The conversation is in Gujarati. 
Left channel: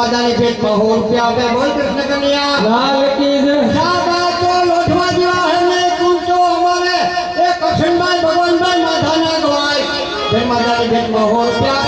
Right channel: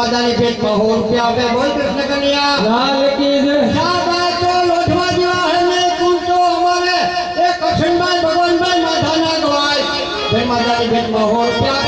માતાની ભેટમાં 100 રૂપિયા આપે. બોલ કૃષ્ણ કનૈયા લાલ કી જય. શાબાશ તો લોઢવા જેવા હરને કુંતો અમારે એ કૃષ્ણભાઈ ભગવાનભાઈ માથાના ગવાય. જય માતાની ભેટમાં 100 રૂપિયા